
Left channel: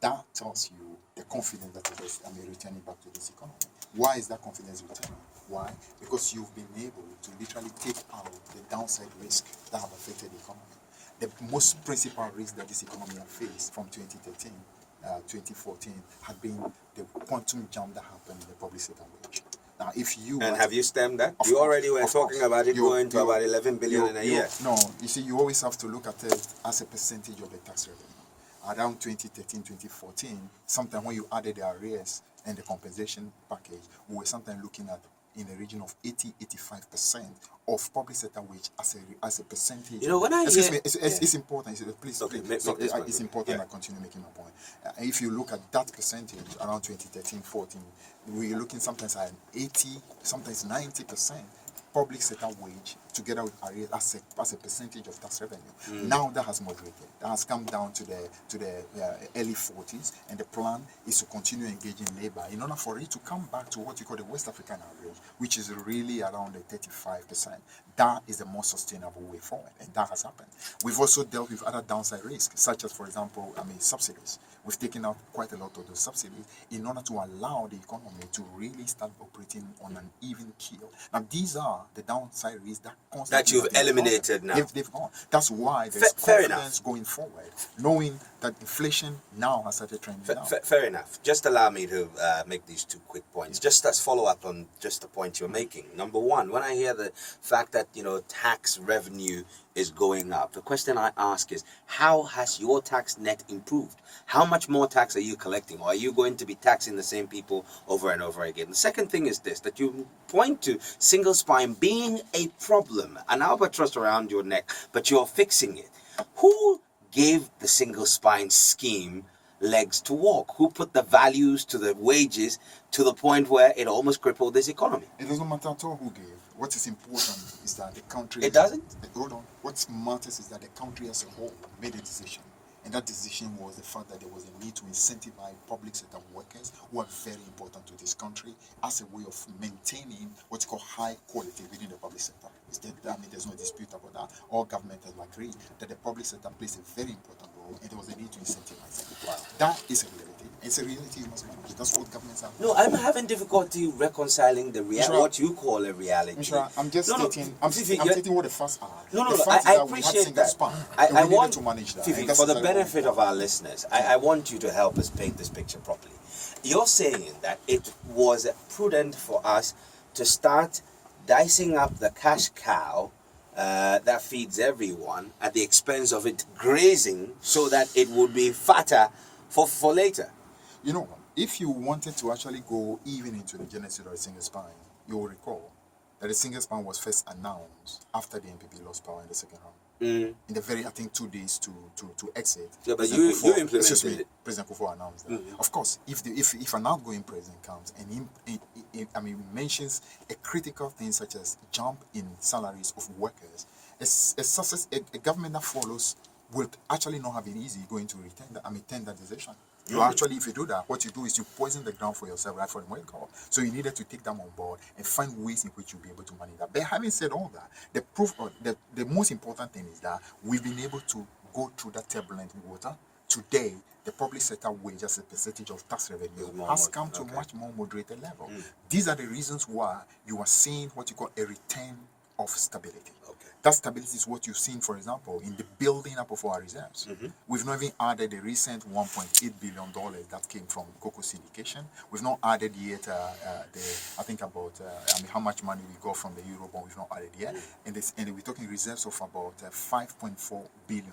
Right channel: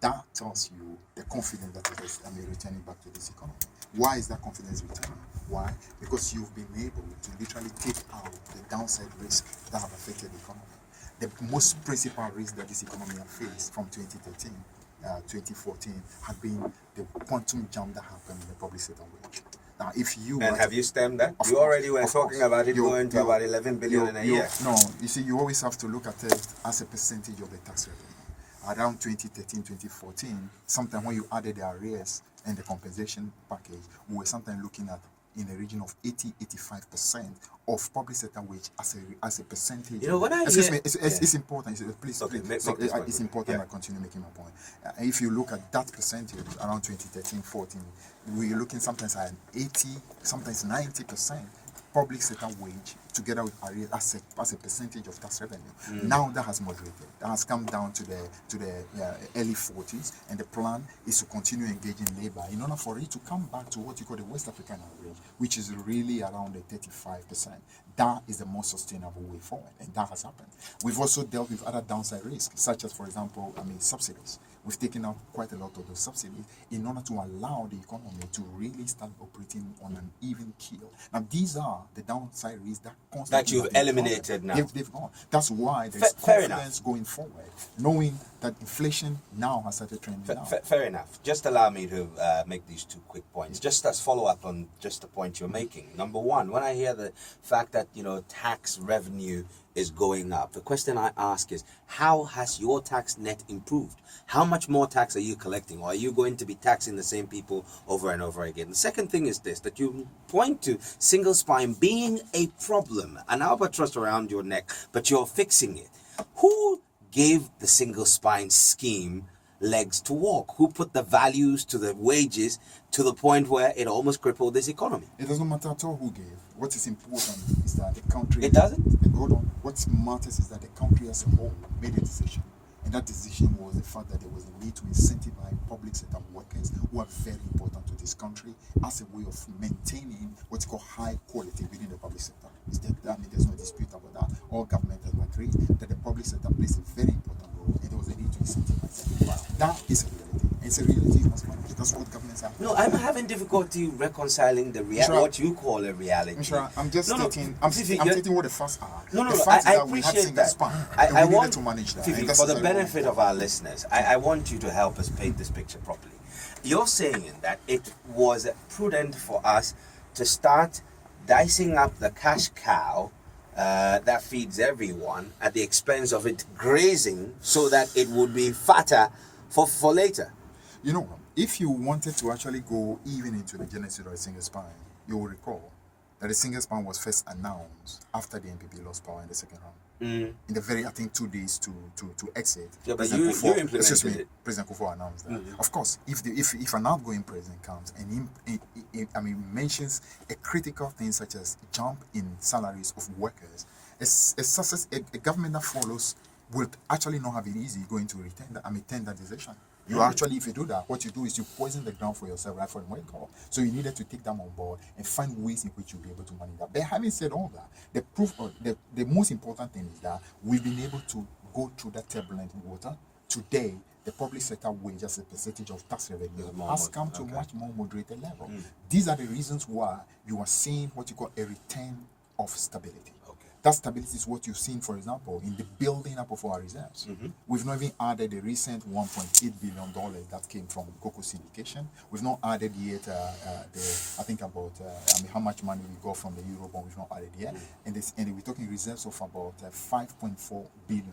That tells you the confidence that it is returning back to this economy. Why is that confidence returning? Why? Because you've been able to literally take out the downside risks that have affected the economy. The most principal risk that this economy has faced from 2013, 2014 had been the quantum jump that happened in the public sector wage. Now, if you And have you stemmed that? Of You course, already were of talking course. about it going to about 11 billion in a year. No, you see, you always have to look at it as a percentage of the tax revenue. Around 2013, 2014, sometimes when you added the arrears and the compensation package, we were sometimes looking at in the region of 80-85% of public sector wage as a percentage. You know, when I excuse hear- me, it's important. Please, Okay, please. make So, this point. it's important Yeah. I continue making my point. If you look at that percentage around 2013-14, we're looking sometimes at 80, sometimes 90% public sector wage together with arrears as a percentage of tax revenue. Now that has moderated. That has come down to the early 40s, and the plan is to continue engaging labor in order for it to come back to what you call the West African average, which is really around the 35%. That is the most sustainable way forward, and that has happened. We've also dealt with other downside risks, such as, for example, subsidies. We've taken out quite a lot of those subsidies in order to allow the economy to really start operating on an even keel. Now, these are the downside risks that constantly you've have been eliminated covered. now. They've gone. That's why there's Fair confidence going forward, knowing that inflation now has started trending down. Fair enough. Just allow me to make these two quick points, just as follow-up on just the point you're making. Number one, when I hear the fact that, tax revenue is going up, the question I ask is, how has your tax net improved? How much more tax are you collecting? Or are you going to be taxing the same people over and over again? The second thing is this, that you point to single spine being a problem, an albatross around your neck, but you're fixing it. Who gave the single spine scheme legs to walk? Who put the values to the wages to the point where it almost crippled this economy? It doesn't matter at all who gave. What is important is that the country... It doesn't? Hold on. What matters is that the country as a whole made a decision. And that decision was the fact that there was a need to incentivize public sector workers who are very important to this country as a way of maintaining what you call high quality within the public sector. There's no dispute about that. All government have agreed that the public sector plays a very important role, and there was a need to incentivize. That is a reality. It's a reality you must manage. That's what governments have. No, I'm having difficulty reconciling the what you call a reality. I'm just stating. I'm stating what the facts are. No, the facts I is that we had appreciate single that. span. I want to manage that. Fiifi, for the benefit of our listeners, I want you to help us paint this picture properly. You're saying that it was prudent for us to start dicing up the cash cow that feeds everyone at the expense of it grazing so that it would be fatter for later. If you wanted to actually go even into the genesis of the single spine, you will recall that the single spine was first announced after the NPP lost power in the second round. In the very, 2 days to exit. Yeah, but you implemented it. President Kufuor announced that. Of course, if an outgoing president comes and he mentions a critical thing such as jump in salaries of workers, a government that follows will actually not have it easy going to retain that decision. You actually, if you do that, what you do is you poison the ground for yourself right from the wake-up. So you needed to take them on board and find ways in which you'll be able to manage that. But having said all that, the most important thing is that we've been able to go through that turbulent water. Today, the public sector wage as a percentage of tax revenue has come to a much more moderated level. These are the reasons why you are seeing what you call a return of stability. That stability is what you've seen, for example, in the building up of our reserves. We've not even added the recent $1.8 billion that came from cocoa syndication. We've not added yet how much money we got from the Eurobond. We've not added yet. And we're talking reserves of about $5.4 billion.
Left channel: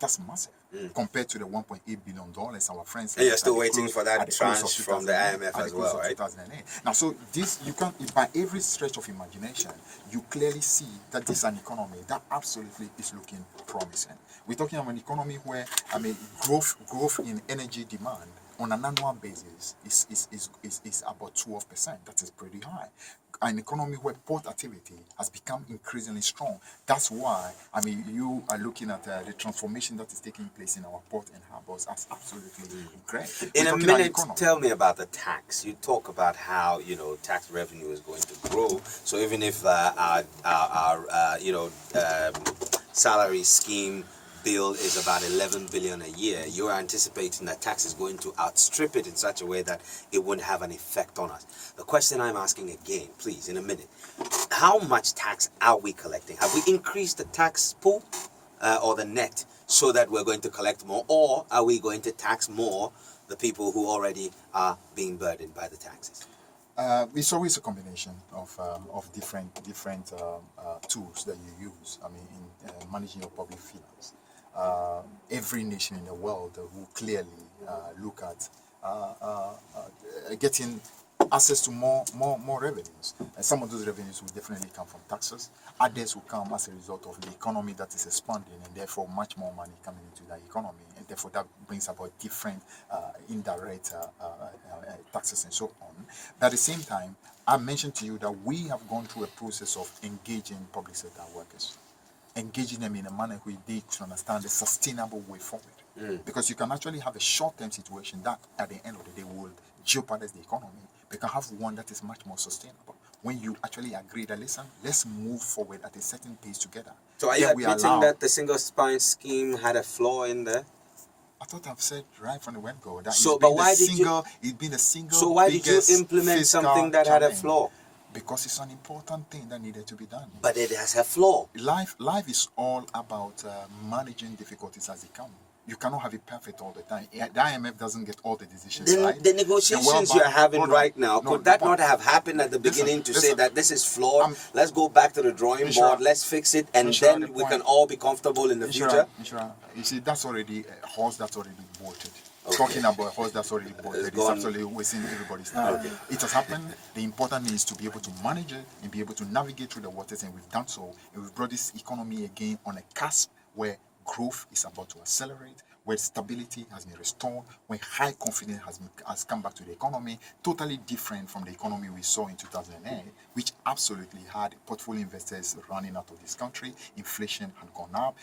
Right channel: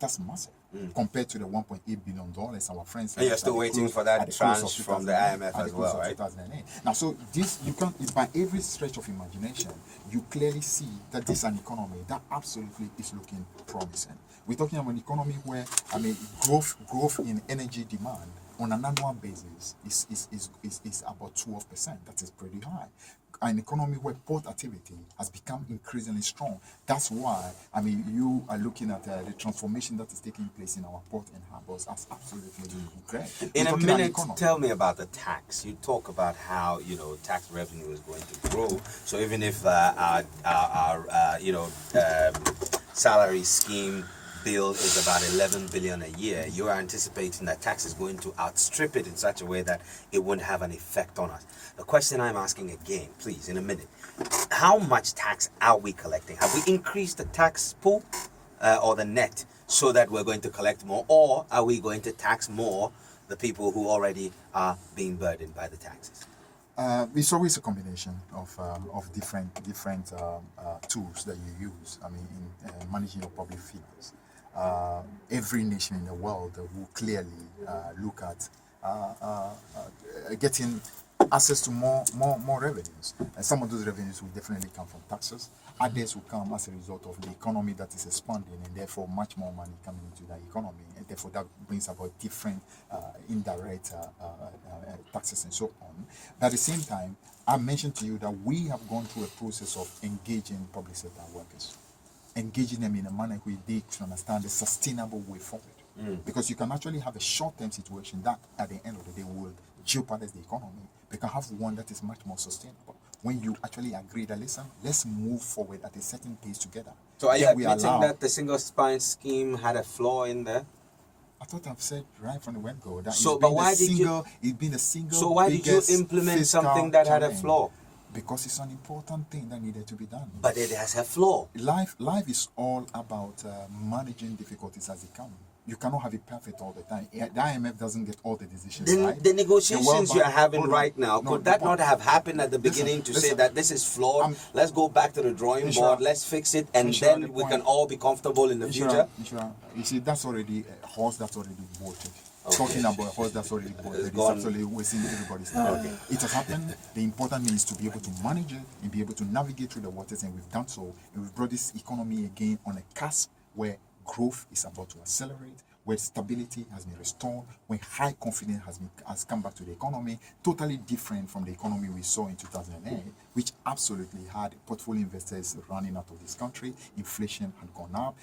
That's massive compared to the $1.8 billion our friends. And you're still waiting for that tranche from the IMF as well, right? 2008. Now, so this you can, by every stretch of imagination, you clearly see that this is an economy that absolutely is looking promising. We're talking about an economy where growth in energy demand on an annual basis is about 12%. That is pretty high. An economy where port activity has become increasingly strong. That's why, you are looking at the transformation that is taking place in our port and harbors as absolutely great. In a minute, tell me about the tax. You talk about how, tax revenue is going to grow. So even if our salary scheme bill is about 11 billion a year, you're anticipating that tax is going to outstrip it in such a way that it won't have an effect on us. The question I'm asking again, please, in a minute, how much tax are we collecting? Have we increased the tax pool or the net so that we're going to collect more, or are we going to tax more the people who already are being burdened by the taxes? It's always a combination of different tools that you use. I mean, in managing your public finance, every nation in the world will clearly look at getting access to more revenues. And some of those revenues will definitely come from taxes. Others will come as a result of the economy that is expanding, and therefore much more money coming into that economy. And therefore that brings about different indirect taxes and so on. But at the same time, I mentioned to you that we have gone through a process of engaging public sector workers, engaging them in a manner where they can understand a sustainable way forward. Because you can actually have a short-term situation that at the end of the day will jeopardize the economy. We can have one that is much more sustainable. When you actually agree that, listen, let's move forward at a certain pace together. So are you admitting that the single spine scheme had a flaw in there? I thought I've said right from the word-go that So, it's been a single So why did you implement something that had a flaw? Because it's an important thing that needed to be done. But it has a flaw. Life is all about managing difficulties as they come. You cannot have it perfect all the time. The IMF doesn't get all the decisions right. The negotiations you're having right now, No, could that not have happened at the beginning to say that this is flawed, let's go back to the drawing board, let's fix it, and then we can all be comfortable in the future? You see, that's already a horse that's already bolted. Talking about a horse that's already bolted is absolutely wasting everybody's time. It has happened. The important thing is to be able to manage it and be able to navigate through the waters, and we've done so. And we've brought this economy again on a cusp where growth is about to accelerate, where stability has been restored, where high confidence has come back to the economy, totally different from the economy we saw in 2008, which absolutely had portfolio investors running out of this country. Inflation had gone up,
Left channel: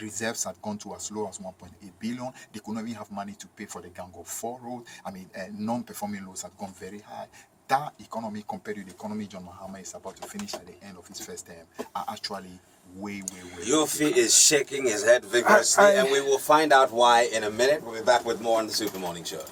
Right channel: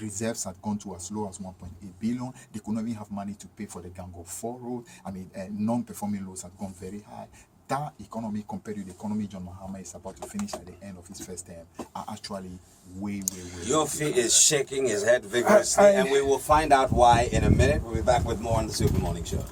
reserves had gone to as low as 1.8 billion. They could not even have money to pay for the Gang of 4 road. I mean, non-performing loans had gone very high. That economy, compared to the economy John Mahama is about to finish at the end of his first term, are actually way. Yoofi is shaking his head vigorously, and we will find out why in a minute. We'll be back with more on the Super Morning Show.